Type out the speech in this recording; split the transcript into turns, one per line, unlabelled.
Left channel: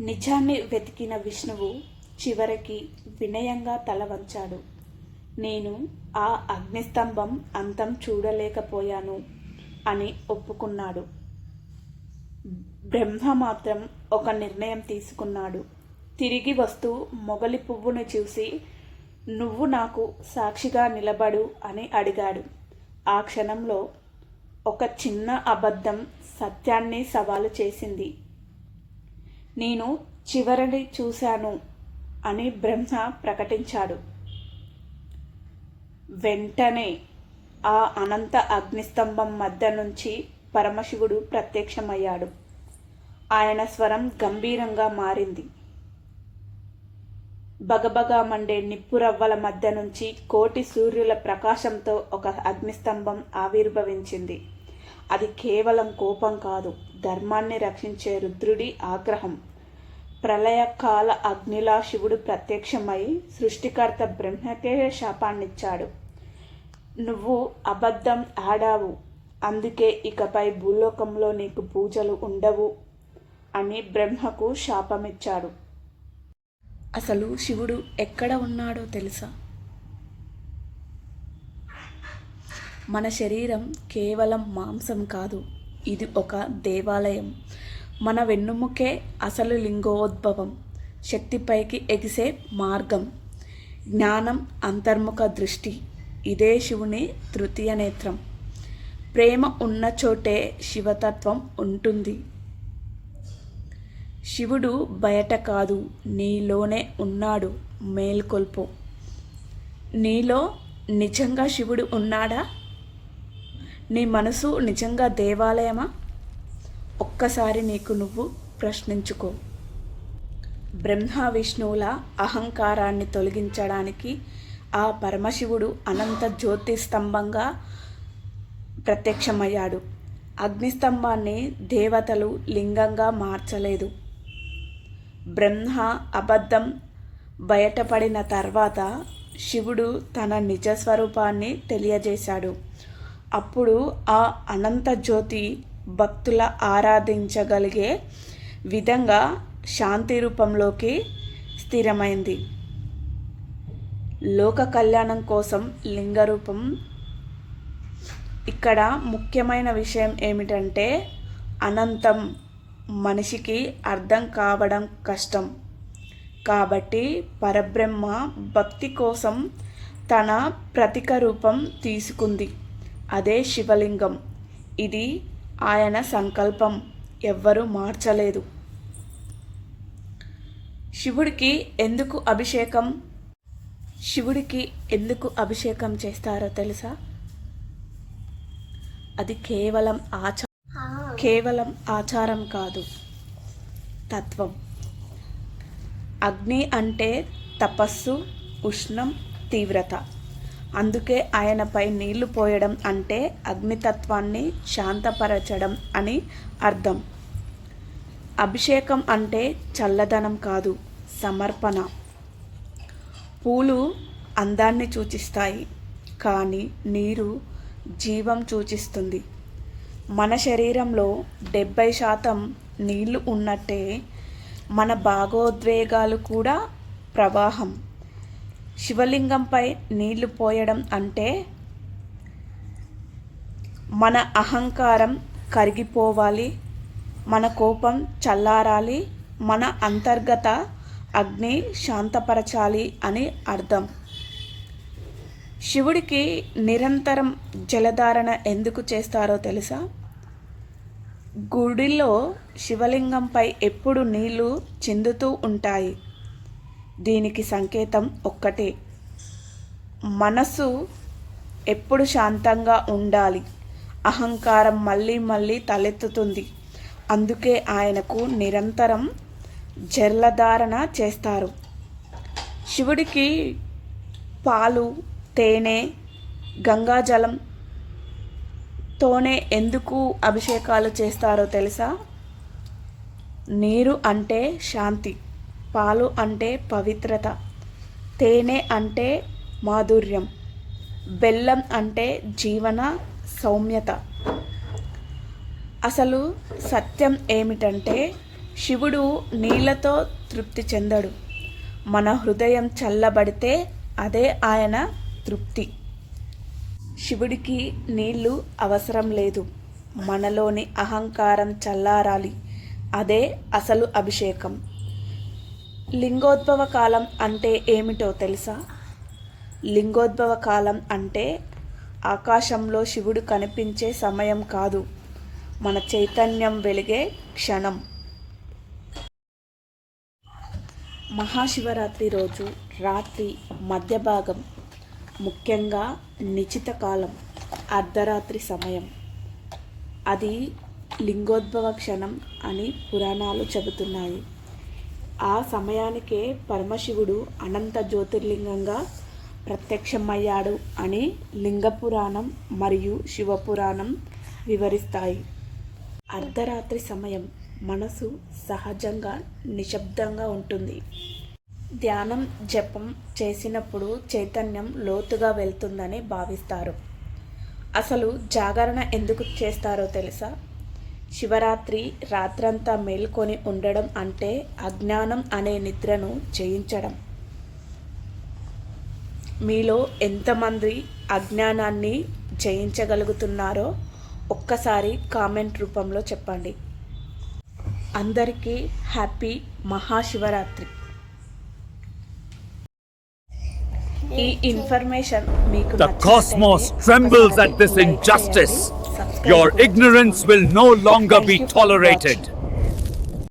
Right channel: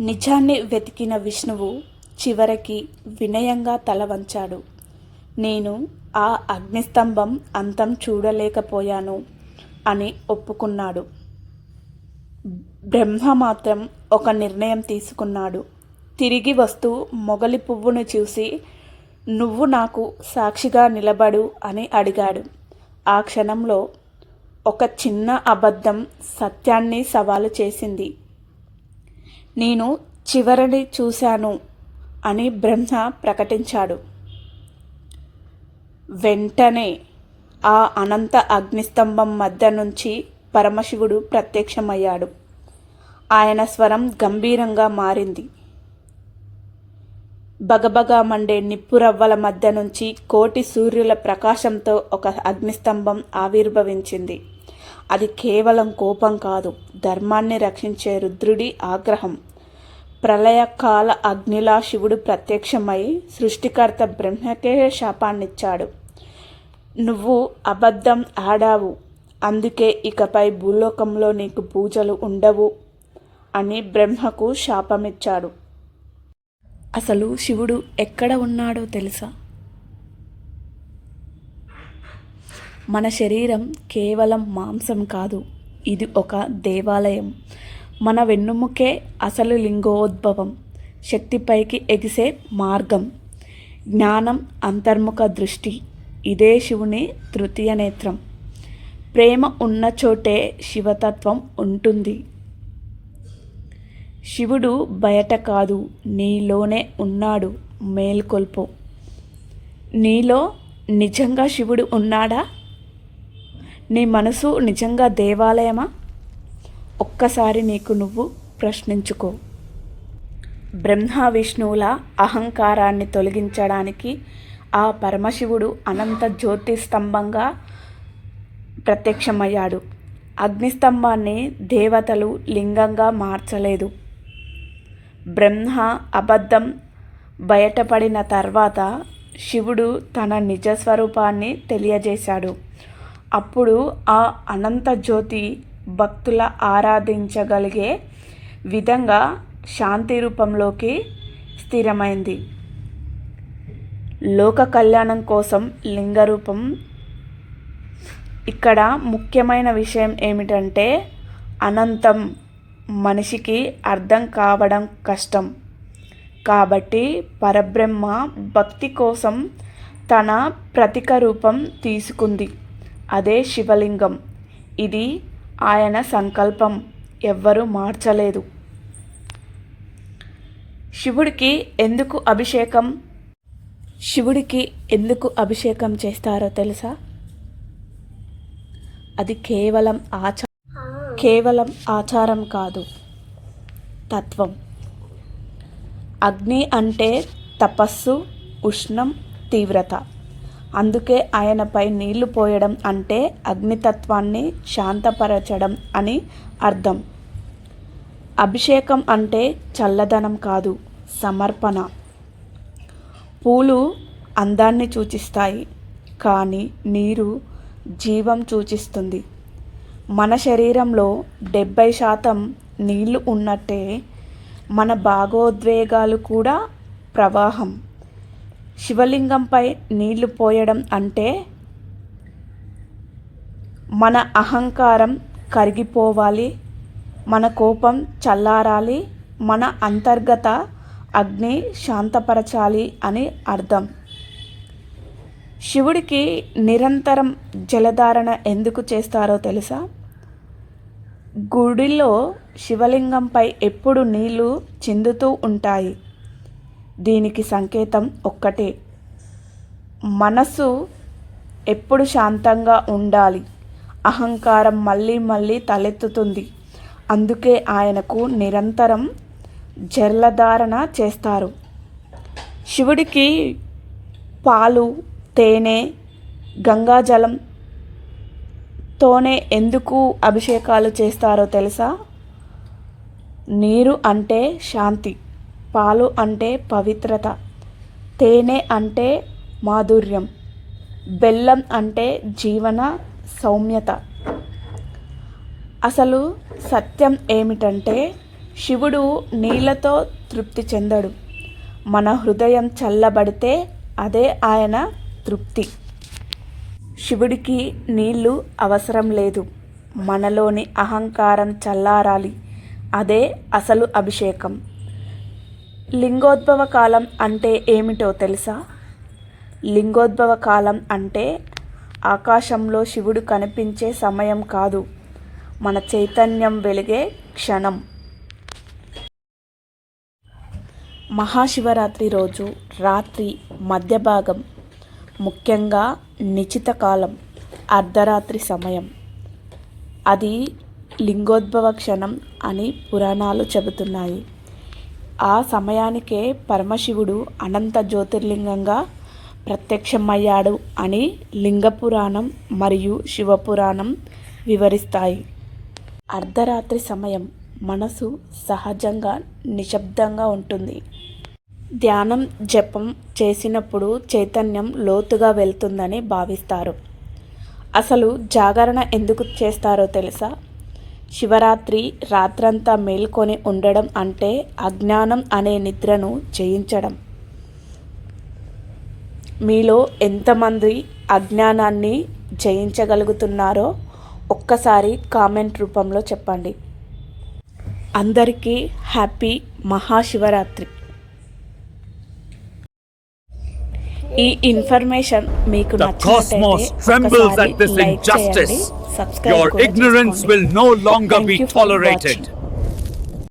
నిజాన్ని వెతికిన విష్ణువు చివరికి వినయంగా తల వంచాడు. నేను ఆ అగ్నిస్తంభం అంతం చూడలేకపోయాను అని ఒప్పుకున్నాడు. బ్రహ్మ మాత్రం ఒక నిర్ణయం తీసుకున్నాడు. తిరిగి వస్తూ మొగలి పువ్వును చూసి నువ్వు నాకు సాక్షిగా నిలబడు అని అడిగాడు. ఆ క్షణంలో ఒక చిన్న అబద్ధం సత్యాన్ని సవాలు చేసింది. నేను చివరిని చూశాను అని బ్రహ్మ ప్రకటించాడు. వెంటనే ఆ అనంత అగ్నిస్తంభం మధ్య నుంచి పరమశివుడు ప్రత్యక్షమయ్యాడు. ఆయన స్వరం గంభీరంగా మారింది. బగబగా మండే నిప్పురవ్వల మధ్య నుంచి కోటి సూర్యుల ప్రకాశంతో ఒక అగ్నిస్తంభం ఆవిర్భవించింది. అది కేవలం కోపం కాదు ధర్మాన్ని రక్షించే రుద్రుడి ఆగ్రహం. ప్రళయకాల అగ్నిలా శివుడు ప్రత్యక్షమై సృష్టికర్త బ్రహ్మకే శాపాన్నిచ్చాడు. నువ్వు అబద్ధం ఆడావు. అందుకే ఇకపై భూలోకంలో నీకు పూజలు ఉండవు అని బ్రహ్మకు శాపమిచ్చాడు. అసలు శివుడు ఎక్కడ ఉన్నాడో తెలుసా? మన శరీరం కేవలం మాంసం కాదు. ఇది ఒక దేవాలయం. మన వెన్నుముకే అసలు లింగోద్భవం శక్తిపైకి ఎగిసే మార్గం జ్ఞానం అంతర్ముఖ దృష్టి ఇదే శివుని తృతీయ నేత్రం. ప్రేమ ఉన్న చోటే శివతత్వం ఉంటుంది. శివుడు బయట కాదు నీలోనే ఉన్నాడు మేల్కొల్పు. నీలో నిజంగా శివుడు ఉన్నాడా? నీ మనసు నిజంగా దేవాలయమా? ఒక్కసారి నీకు నువ్వు ప్రశ్నించుకో. బ్రహ్మ విష్ణువుల అహంకారాన్ని తొలగించడానికి ఆ పరమశివుడు అనంత జ్యోతి స్తంభంగా ప్రత్యక్షమయ్యాడు. అగ్నిస్తంభాన్ని దేవతలు లింగంగా మార్చలేదు. బ్రహ్మ అబద్ధం బయటపడిన తర్వాత శివుడు తన నిజ స్వరూపాన్ని తెలియజేశాడు. అప్పుడు ఆ అనంత జ్యోతి భక్తుల ఆరాధించగలిగే విధంగా శాంతి రూపంలోకి స్థిరమైంది. లోక కళ్యాణం కోసం లింగ రూపం. ఇక్కడ ముఖ్యమైన విషయం ఏమిటంటే అనంతం మనిషికి అర్థం కావడం కష్టం. కాబట్టి పరబ్రహ్మ భక్తి కోసం తన ప్రతిక రూపం తీసుకుంది. అదే శివలింగం. ఇది ఆయన సంకల్పం ఎవ్వరూ మార్చలేదు. శివుడికి ఎందుకు అభిషేకం? శివుడికి ఎందుకు అభిషేకం చేస్తారో తెలుసా? అది కేవలం ఆచారం. కేవలం ఆచారం కాదు తత్వం. అగ్ని అంటే తపస్సు ఉష్ణం తీవ్రత. అందుకే ఆయనపై నీళ్ళు పోయడం అంటే అగ్నితత్వాన్ని శాంతపరచడం అని అర్థం. అభిషేకం అంటే చల్లదనం కాదు సమర్పణ. పూలు అందాన్ని సూచిస్తాయి కానీ నీరు జీవం సూచిస్తుంది. మన శరీరంలో డెబ్భై శాతం నీళ్ళు ఉన్నట్టే మన భాగోద్వేగాలు కూడా ప్రవాహం. శివలింగంపై నీళ్ళు పోయడం అంటే మన అహంకారం కరిగిపోవాలి మన కోపం చల్లారాలి మన అంతర్గత అగ్ని శాంతపరచాలి అని అర్థం. శివుడికి నిరంతరం జలధారణ ఎందుకు చేస్తారో తెలుసా? గుడిలో శివలింగంపై ఎప్పుడు నీళ్ళు చిందుతూ ఉంటాయి. దీనికి సంకేతం ఒక్కటే. మనసు ఎప్పుడు శాంతంగా ఉండాలి. అహంకారం మళ్ళీ మళ్ళీ తలెత్తుతుంది. అందుకే ఆయనకు నిరంతరం జర్లధారణ చేస్తారు. శివుడికి పాలు తేనె గంగాజలం తోనే ఎందుకు అభిషేకాలు చేస్తారో తెలుసా? నీరు అంటే శాంతి. పాలు అంటే పవిత్రత తేనె అంటే మాధుర్యం బెల్లం అంటే జీవన సౌమ్యత. అసలు సత్యం ఏమిటంటే శివుడు నీళ్ళతో తృప్తి చెందడు. మన హృదయం చల్లబడితే అదే ఆయన తృప్తి. శివుడికి నీళ్ళు అవసరం లేదు. మనలోని అహంకారం చల్లారాలి. అదే అసలు అభిషేకం. లింగోద్భవ కాలం అంటే ఏమిటో తెలుసా? లింగోద్భవ కాలం అంటే ఆకాశంలో శివుడు కనిపించే సమయం కాదు. మన చైతన్యం వెలిగే క్షణం. మహాశివరాత్రి రోజు రాత్రి మధ్య భాగం ముఖ్యంగా నిచిత కాలం అర్ధరాత్రి సమయం. అది లింగోద్భవ క్షణం అని పురాణాలు చెబుతున్నాయి. ఆ సమయానికే పరమశివుడు అనంత జ్యోతిర్లింగంగా ప్రత్యక్షమయ్యాడు అని లింగ పురాణం మరియు శివపురాణం వివరిస్తాయి. అర్ధరాత్రి సమయం మనసు సహజంగా నిశ్శబ్దంగా ఉంటుంది. ధ్యానం జపం చేసినప్పుడు చైతన్యం లోతుగా వెళ్తుందని భావిస్తారు. అసలు జాగరణ ఎందుకు చేస్తారో తెలుసా? శివరాత్రి రాత్రంతా మేల్కొని ఉండడం అంటే అజ్ఞానం అనే నిద్రను జయించడం. మీలో ఎంతమంది అజ్ఞానాన్ని జయించగలుగుతున్నారో ఒక్కసారి కామెంట్ రూపంలో చెప్పండి. అందరికీ హ్యాపీ మహాశివరాత్రి. ఈ ఇన్ఫర్మేషన్ మీకు
Your ignorance will no longer be tolerated.